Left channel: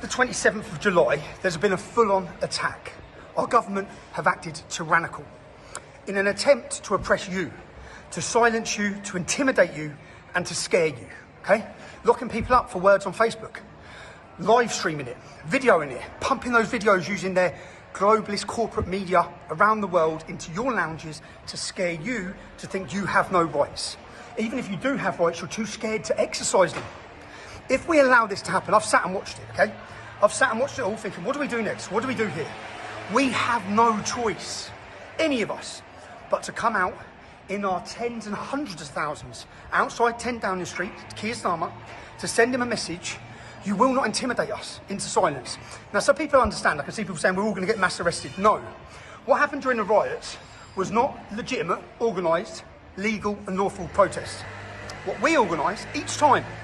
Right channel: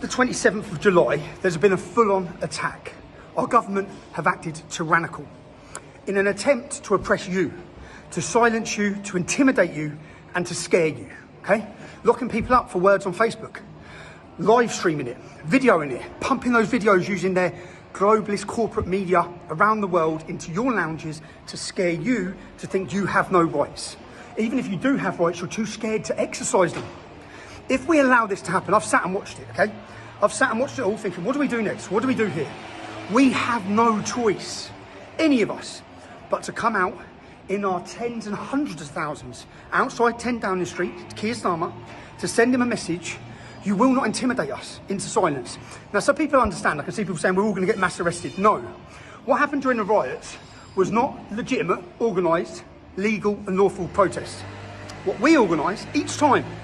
the 27th of July, there's been a full-on attack. Our government have acted tyrannical in an attempt to oppress you, to silence you, to intimidate you, and to scare you, okay? Locking people up for words on Facebook, live streaming it, videoing it, pumping those videos using their globalist corporate media around the world into your lounges to scare you to think you have no rights. Even if you do have rights, you're too scared to exercise them. If we allow this to happen, I've sat and watched it, okay? I've sat and watched it all thinking, what do we do next? What do we do here? We have no choice, any of us, but to come out in our tens and hundreds of thousands outside 10 Downing Street to Keir Starmer to send him a message. You will not intimidate us into silence. Now, so people understand. I can see people saying we're all going to get mass arrested. No. What happened during the riots was not legitimate, organised, legal and lawful protests. What we organise each time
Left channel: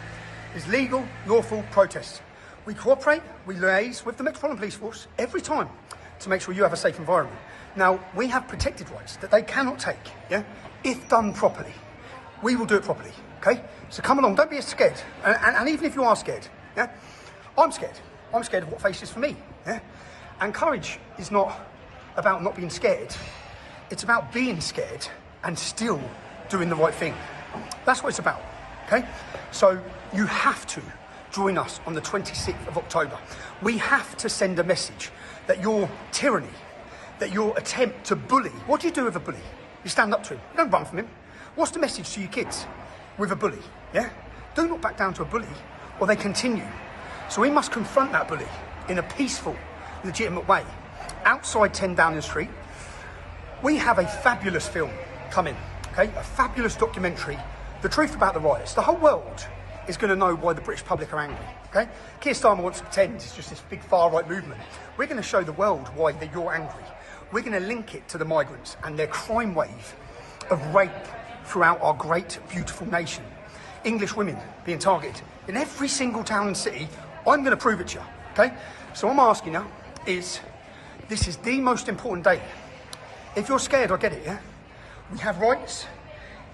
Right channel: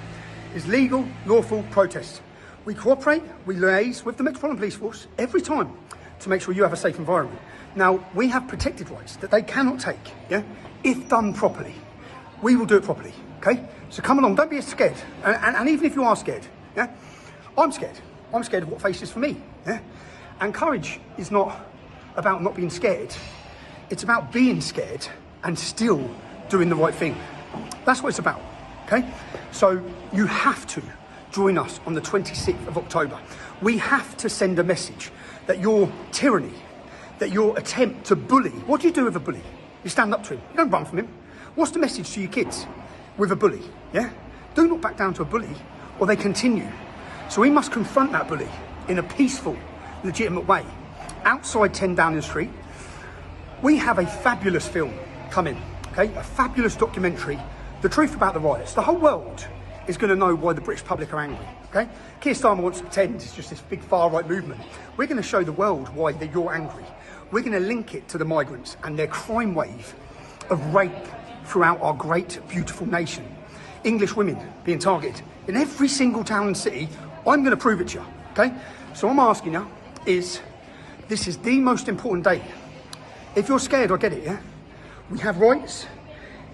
is legal, lawful protests. We cooperate, we liaise with the Metropolitan Police Force every time to make sure you have a safe environment. Now, we have protective rights that they cannot take, yeah? If done properly. We will do it properly, okay? So come along, don't be scared. And even if you are scared, yeah? I'm scared. I'm scared of what faces for me, yeah? And courage is not about not being scared. It's about being scared and still doing the right thing. That's what it's about, okay? So you have to join us on the 26th of October. We have to send a message that your tyranny, that your attempt to bully, what do you do with a bully? You stand up to him, you don't run from him. What's the message to your kids with a bully, yeah? Do not back down to a bully or they continue. So we must confront that bully in a peaceful, legitimate way. Outside 10 Downing Street, we have a fabulous film coming, okay? A fabulous documentary, The Truth About the Riots. The whole world is going to know why the British public are angry, okay? Keir Starmer wants to pretend it's just this big far-right movement. We're going to show the world why you're angry. We're going to link it to the migrants and their crime wave of rape throughout our great, beautiful nation. English women being targeted in every single town and city. I'm going to prove it to you, okay? So what I'm asking you is, this is the most important day. If you're scared, I get it, yeah? We have rights.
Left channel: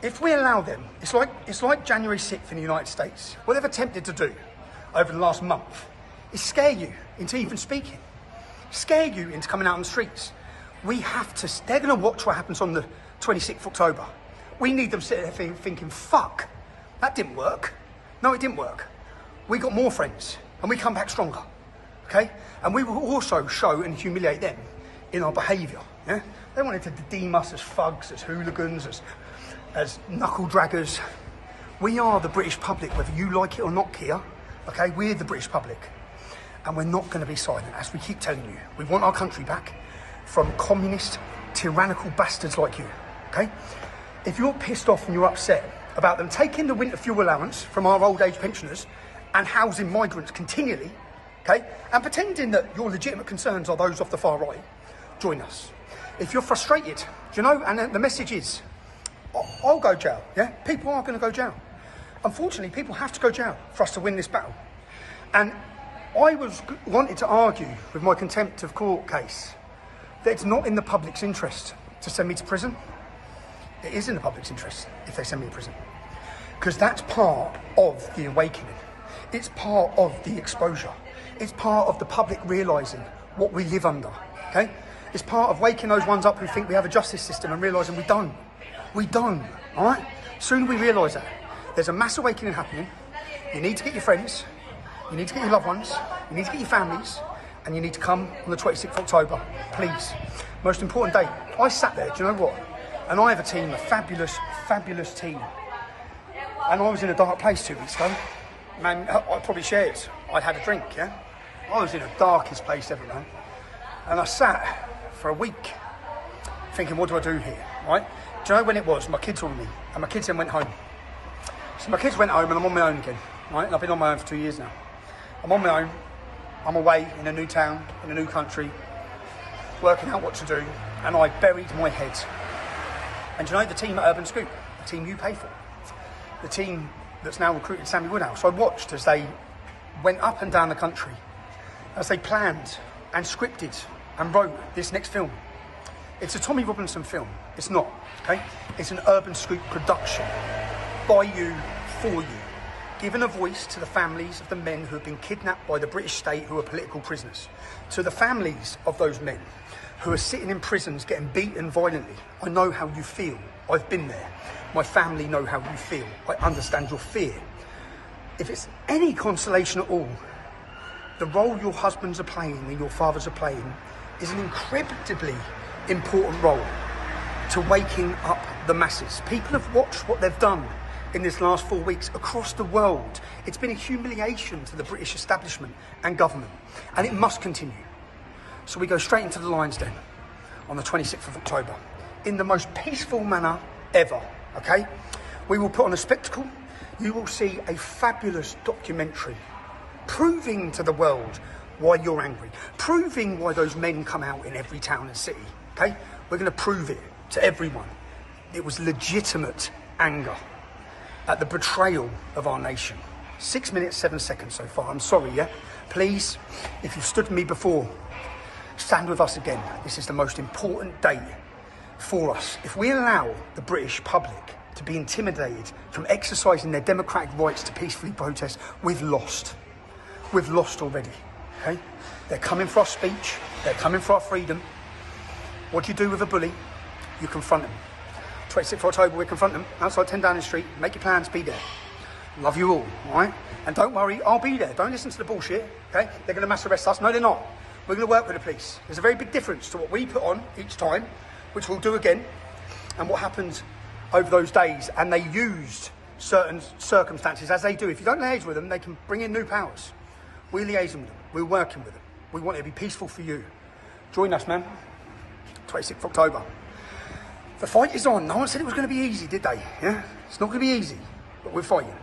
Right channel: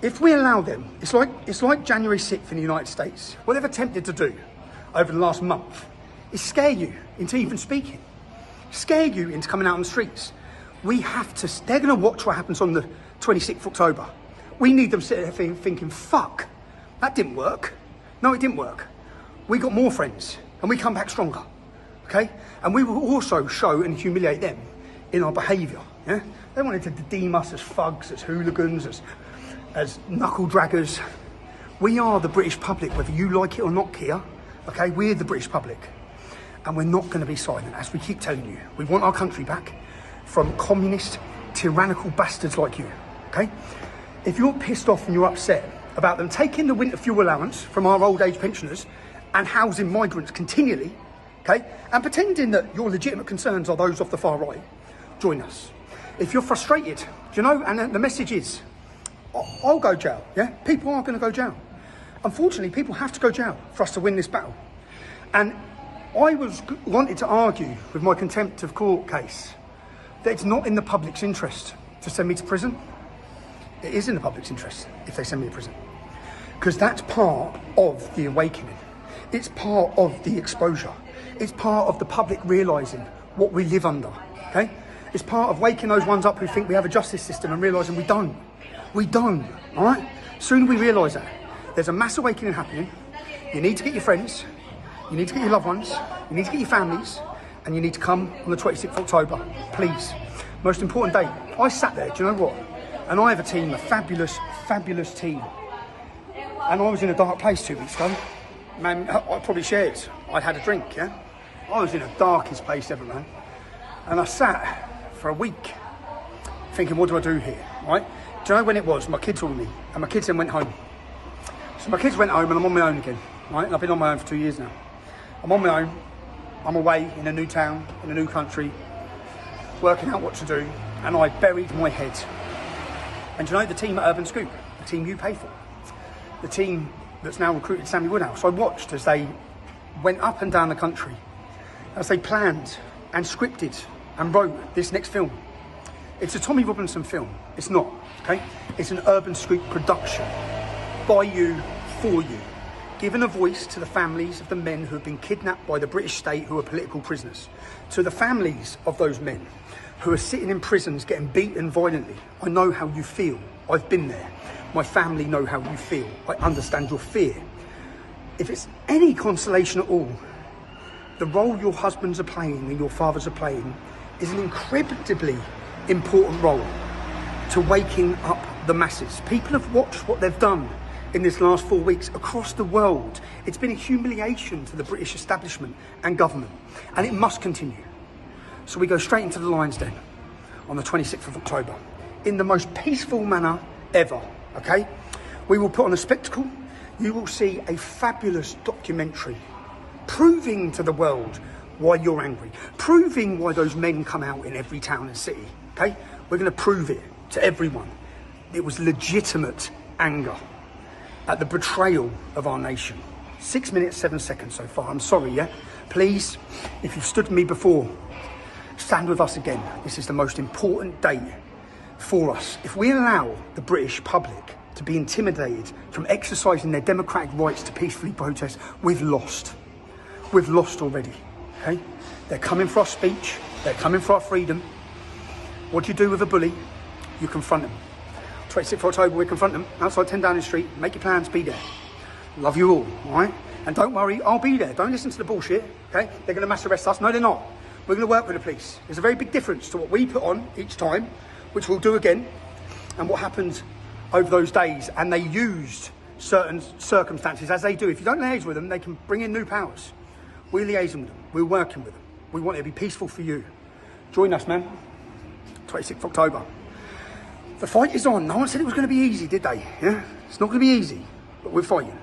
If we allow them, it's like January 6th in the United States. What they've attempted to do over the last month is scare you into even speaking, scare you into coming out on the streets. We have to, they're going to watch what happens on the 26th of October. We need them sitting there thinking, fuck, that didn't work. No, it didn't work. We got more friends and we come back stronger, okay? And we will also show and humiliate them in our behaviour, yeah? They wanted to deem us as thugs, as hooligans, as knuckle draggers. We are the British public, whether you like it or not, Keir, okay? We're the British public. And we're not going to be silent, as we keep telling you. We want our country back from communist, tyrannical bastards like you, okay? If you're pissed off and you're upset about them taking the winter fuel allowance from our old age pensioners and housing migrants continually, okay, and pretending that your legitimate concerns are those of the far right, join us. If you're frustrated, do you know, and the message is, I'll go jail, yeah? People are going to go jail. Unfortunately, people have to go jail for us to win this battle. And I wanted to argue with my contempt of court case that it's not in the public's interest to send me to prison. It is in the public's interest if they send me to prison. Because that's part of the awakening. It's part of the exposure. It's part of the public realising what we live under, okay? It's part of waking those ones up who think we have a justice system and realising we don't. We don't, all right? Soon we realise that. There's a mass awakening happening. You need to get your friends. You need to get your loved ones. You need to get your families. And you need to come on the 26th of October, please. Most important day. I sat there, do you know what? And I have a team, a fabulous, fabulous team. And I was in a dark place 2 weeks ago. Man, I probably shared. I had a drink, yeah? I was in the darkest place ever, man. And I sat for a week thinking, what do I do here, right? Do you know when it was? My kids were with me, and my kids then went home. So my kids went home, and I'm on my own again, right? And I've been on my own for 2 years now. I'm on my own. I'm away in a new town, in a new country, working out what to do, and I buried my head. And do you know the team at Urban Scoop, the team you pay for, the team that's now recruited Sammy Woodhouse, I watched as they went up and down the country, as they planned and scripted and wrote this next film. It's a Tommy Robinson film. It's not, okay? It's an Urban Scoop production by you, for you. given a voice to the families of the men who have been kidnapped by the British state, who are political prisoners, to the families of those men who are sitting in prisons getting beaten violently. I know how you feel. I've been there. My family know how you feel. I understand your fear. If it's any consolation at all, the role your husbands are playing and your fathers are playing is an incredibly important role to waking up the masses. People have watched what they've done in this last 4 weeks across the world. It's been a humiliation to the British establishment and government, and it must continue. So we go straight into the Lions Den on the 26th of October in the most peaceful manner ever, okay? We will put on a spectacle. You will see a fabulous documentary proving to the world why you're angry, proving why those men come out in every town and city, okay? We're going to prove it to everyone. It was legitimate anger at the betrayal of our nation. 6 minutes, 7 seconds so far. I'm sorry, yeah? Please, if you've stood with me before, stand with us again. This is the most important day for us. If we allow the British public to be intimidated from exercising their democratic rights to peacefully protest, we've lost. We've lost already, okay? They're coming for our speech. They're coming for our freedom. What do you do with a bully? You confront them. 26th of October, we confront them outside 10 Downing Street. Make your plans, be there. Love you all right? And don't worry, I'll be there. Don't listen to the bullshit, okay? They're going to mass arrest us. No, they're not. We're going to work with the police. There's a very big difference to what we put on each time, which we'll do again, and what happened over those days. And they used certain circumstances, as they do. If you don't liaise with them, they can bring in new powers. We're liaising with them. We're working with them. We want it to be peaceful for you. Join us, man. 26th of October. The fight is on. No one said it was going to be easy, did they? Yeah? It's not going to be easy, but we're fighting.